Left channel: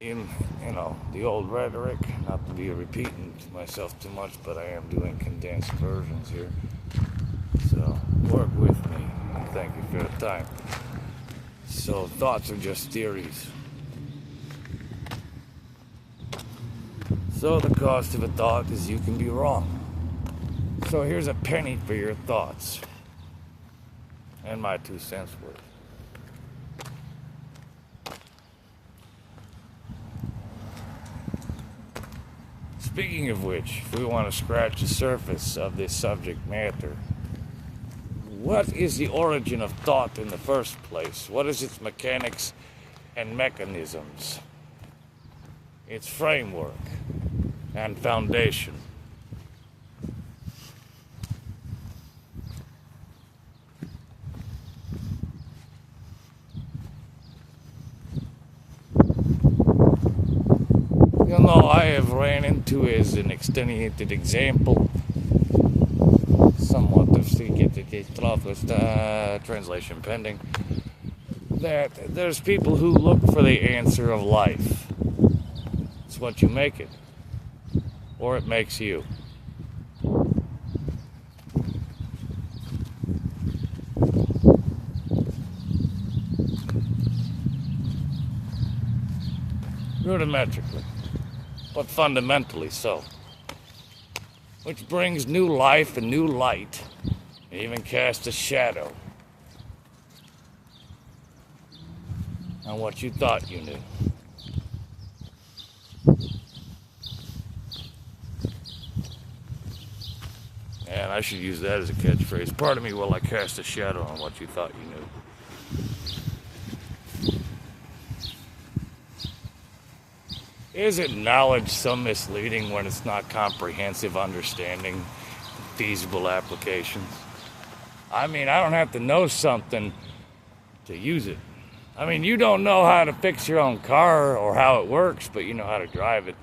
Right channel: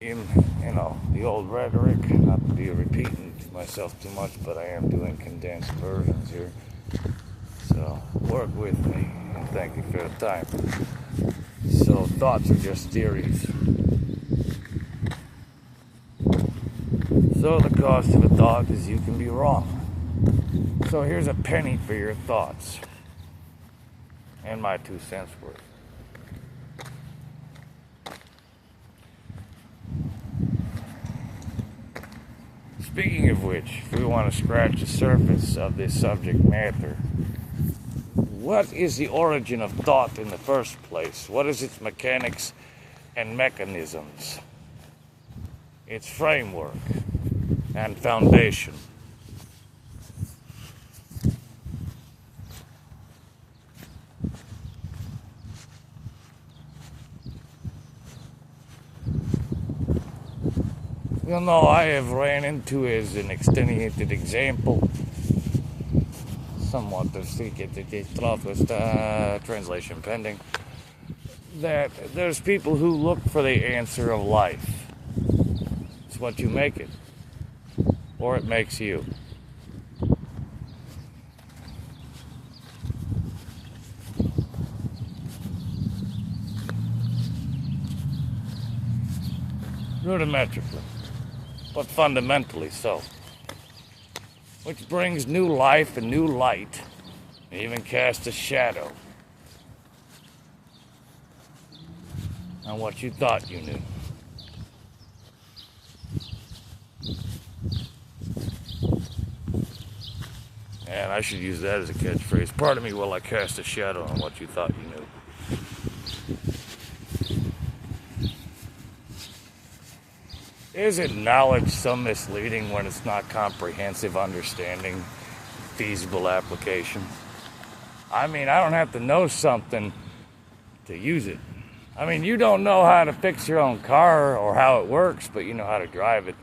In, the old rhetoric, not to be repeating to myself too much, but I am doing condensed versions here. So work with me, and thank you for the time. So thoughts are just theories. So the cost of a thought is you can be wrong. So here's a penny for your thoughts. And my 2 cents worth. Speaking of which, if we want to scratch the surface of this subject matter, what is the origin of thought in the first place? What is its mechanics and mechanisms? Its framework and foundation? I have ran into as an extenuated example, somewhat of translation pending, that there's people who look for the answer of life. It's what you make it, or it makes you. Rudimentarily, but fundamentally so. Which brings new life and new light, and even casts a shadow on what you thought you knew. And I should use that as a catchphrase. Pardon me while I cast a shadow on what you thought you knew. Isn't knowledge so misleading when it's not comprehensive understanding, feasible applications? I mean, I don't have to know something to use it. I mean, you don't know how to fix your own car or how it works, but you know how to drive it.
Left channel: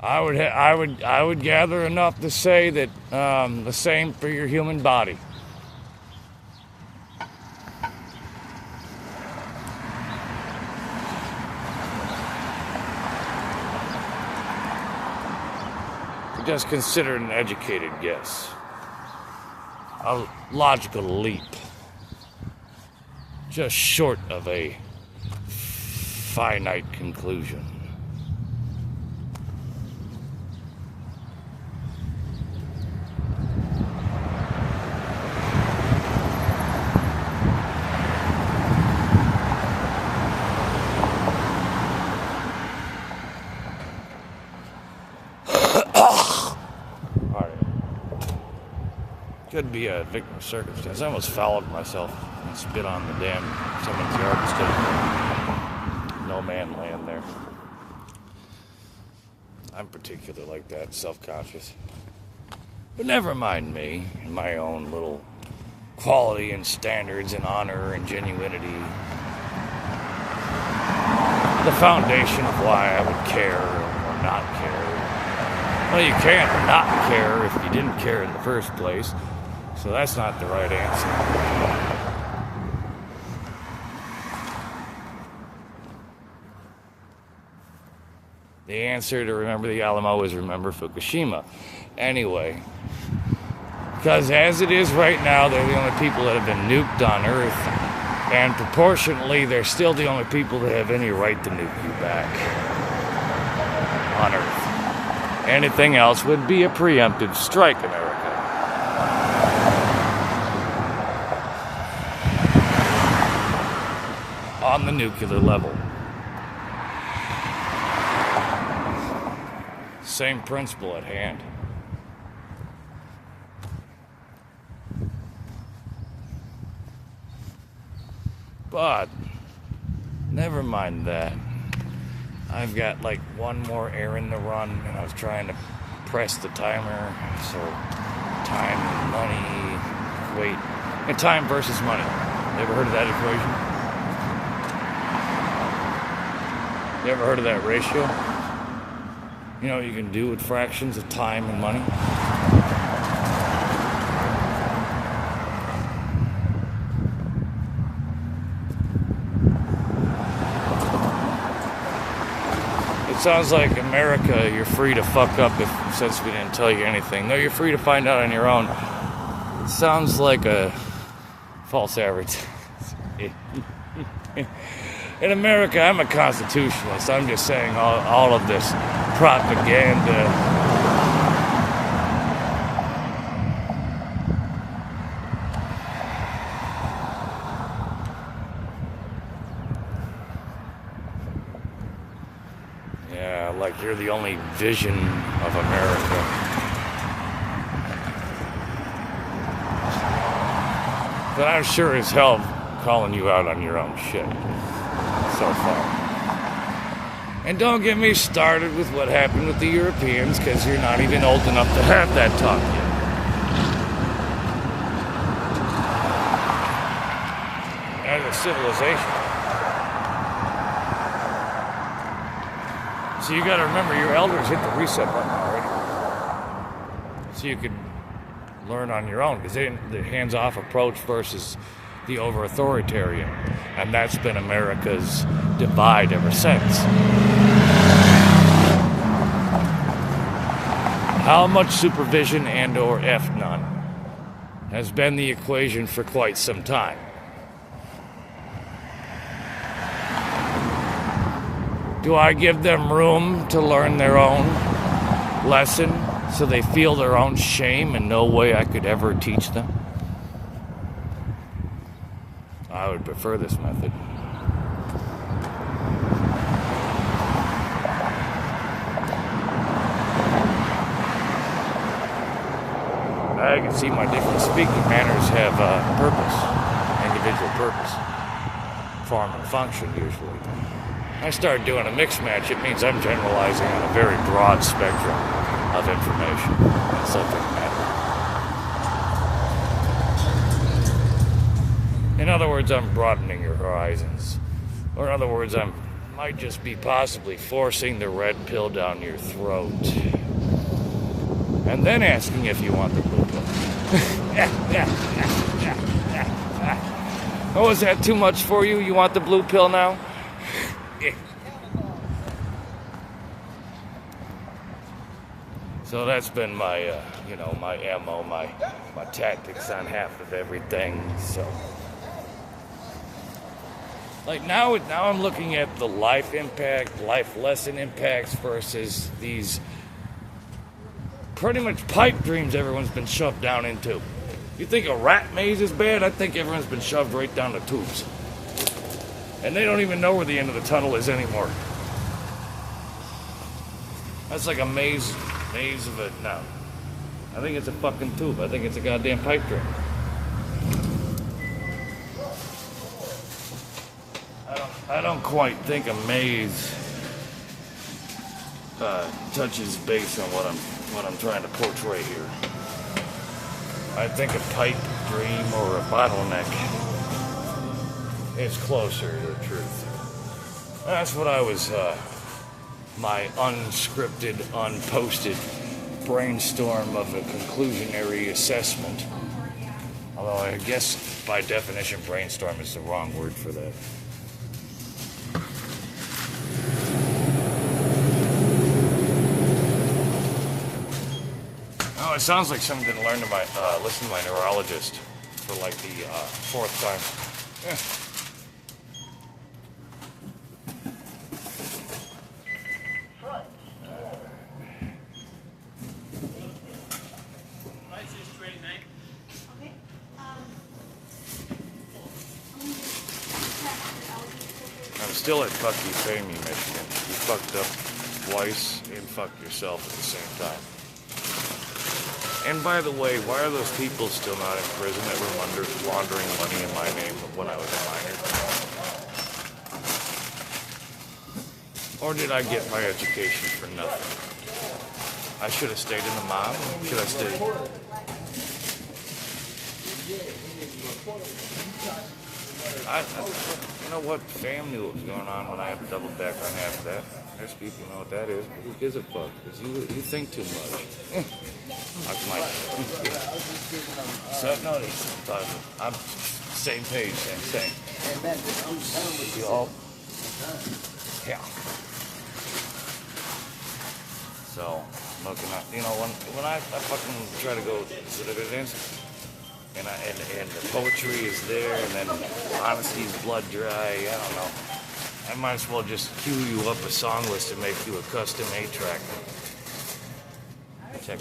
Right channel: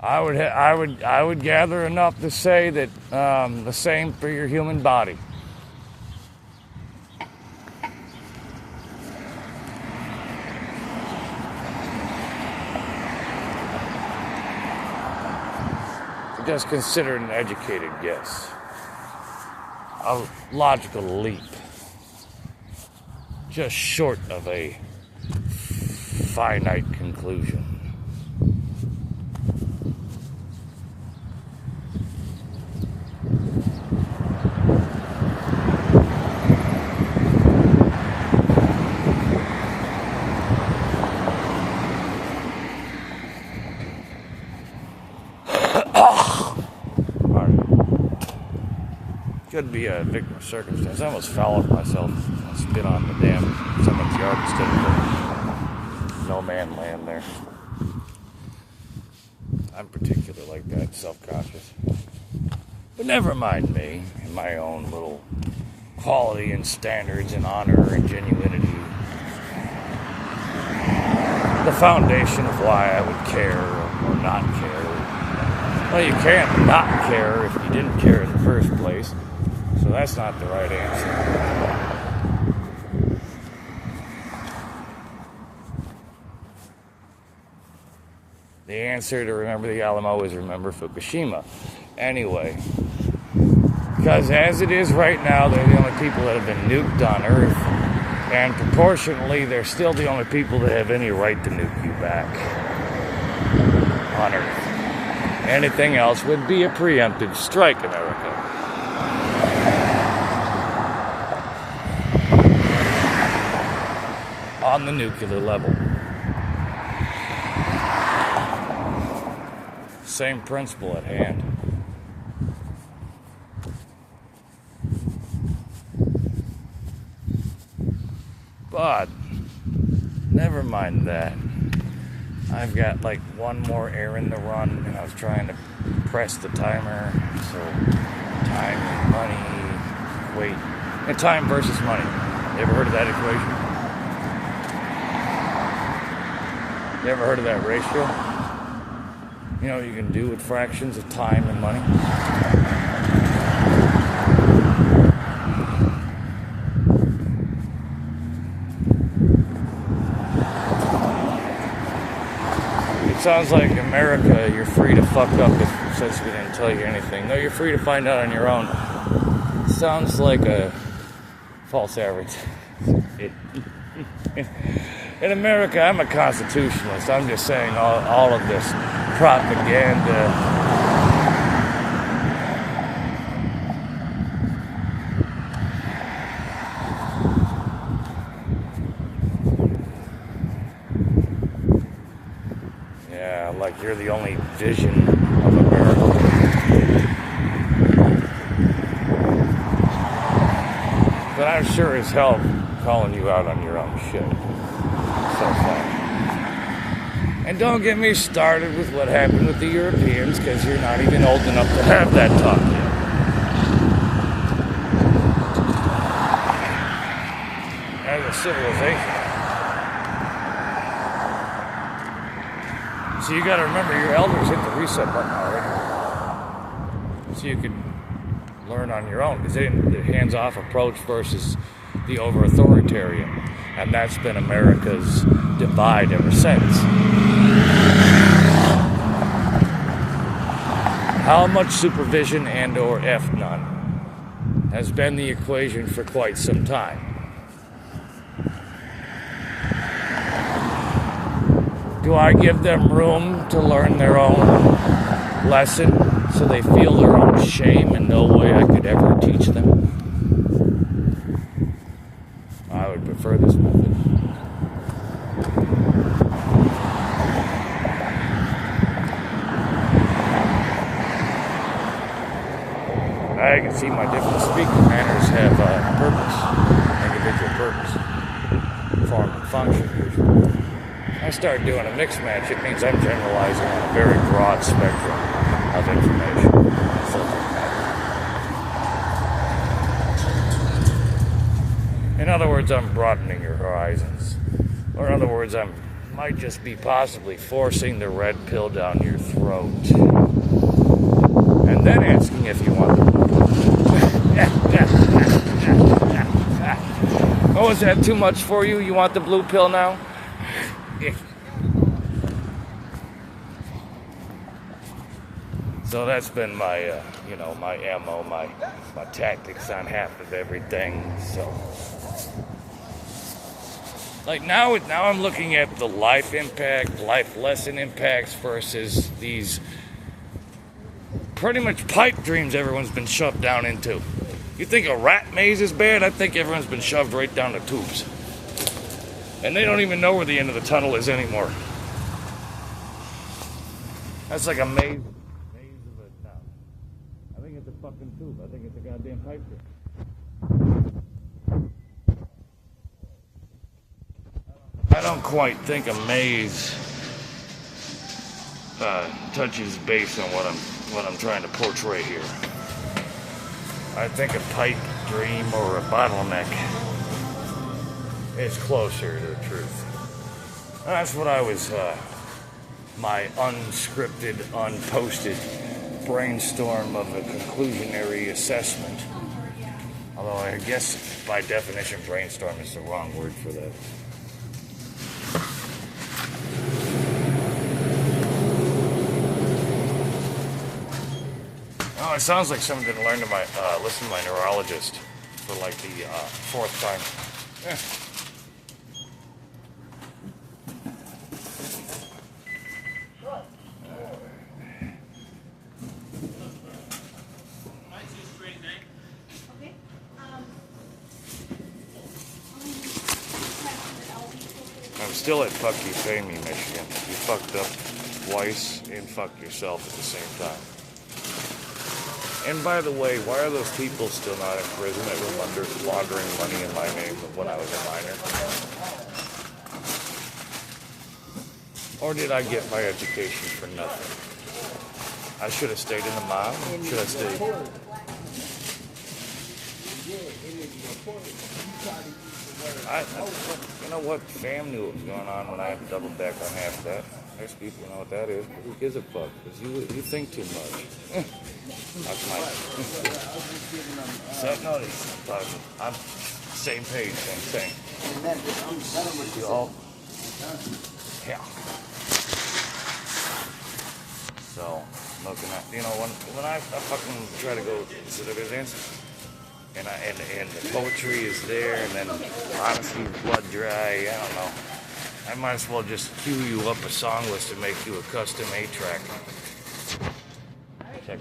I would gather enough to say that the same for your human body. Just consider an educated guess, a logical leap, just short of a finite conclusion. Could be a victim of circumstance. I almost fouled myself. I spit on the damn someone's yard instead of no man land there. I'm particular like that, self-conscious. But never mind me and my own little quality and standards and honor and genuinity. The foundation of why I would care or not care. Well, you can't not care if you didn't care in the first place. So that's not the right answer. The answer to remember the Alamo is remember Fukushima. Anyway, because as it is right now, they're the only people that have been nuked on Earth, and proportionately, they're still the only people that have any right to nuke you back on Earth. Anything else would be a preemptive strike, America. On the nuclear level. Same principle at hand. But, never mind that. I've got like one more errand to run, and I was trying to press the timer. So, time and money. Wait. And time versus money. You ever heard of that equation? You ever heard of that ratio? You know what you can do with fractions of time and money? Sounds like America, you're free to fuck up since we didn't tell you anything. No, you're free to find out on your own. Sounds like a false advertisement. In America, I'm a constitutionalist. I'm just saying all of this propaganda. Yeah, like you're the only vision of America. But I'm sure as hell calling you out on your own shit so far. And don't get me started with what happened with the Europeans, because you're not even old enough to have that talk yet. As a civilization. So you got to remember, your elders hit the reset button already. So you could learn on your own, because they didn't, the hands-off approach versus the over-authoritarian, and that's been America's divide ever since. How much supervision and or F none has been the equation for quite some time. Do I give them room to learn their own lesson so they feel their own shame and no way I could ever teach them? I would prefer this method. I can see my different speaking manners have purpose, individual purpose, form and function usually. I start doing a mix match, it means I'm generalizing on a very broad spectrum of information. Subject matter. In other words, I'm broadening your horizons. Or in other words, I might just be possibly forcing the red pill down your throat. And then asking if you want the blue pill. Oh, is that too much for you? You want the blue pill now? So that's been my, my ammo, my tactics on half of everything. So, like now I'm looking at the life impact, life lesson impacts versus these pretty much pipe dreams everyone's been shoved down into. You think a rat maze is bad? I think everyone's been shoved right down the tubes. And they don't even know where the end of the tunnel is anymore. That's like a maze of it now. I think it's a fucking tube. I think it's a goddamn pipe dream. I don't quite think a maze touches base on what I'm trying to portray here. I think a pipe dream or a bottleneck is closer to the truth. That's what I was, my unscripted, unposted brainstorm of a conclusionary assessment. Although I guess by definition brainstorm is the wrong word for that. Oh, it sounds like someone didn't listen to my neurologist for like the fourth time. Yeah. I'm still at fuck you pay me, Michigan. You fucked up twice and fucked yourself at the same time. And by the way, why are those people still not in prison that were laundering money in my name when I was a minor? Or did I get my education for nothing? I should have stayed in the mom. Should I stay? You know what? Fam knew what was going on when I had to double back on half of that. There's people who know what that is, but who gives a fuck? Because you think too much. That's my self-notice sometimes. I'm same page, same thing. You all? Yeah. So, looking at, you know, when I fucking try to go to the business, and the poetry is there, and then honesty's blood dry, I don't know. I might as well just cue you up a song list and make you a custom 8-track. Check.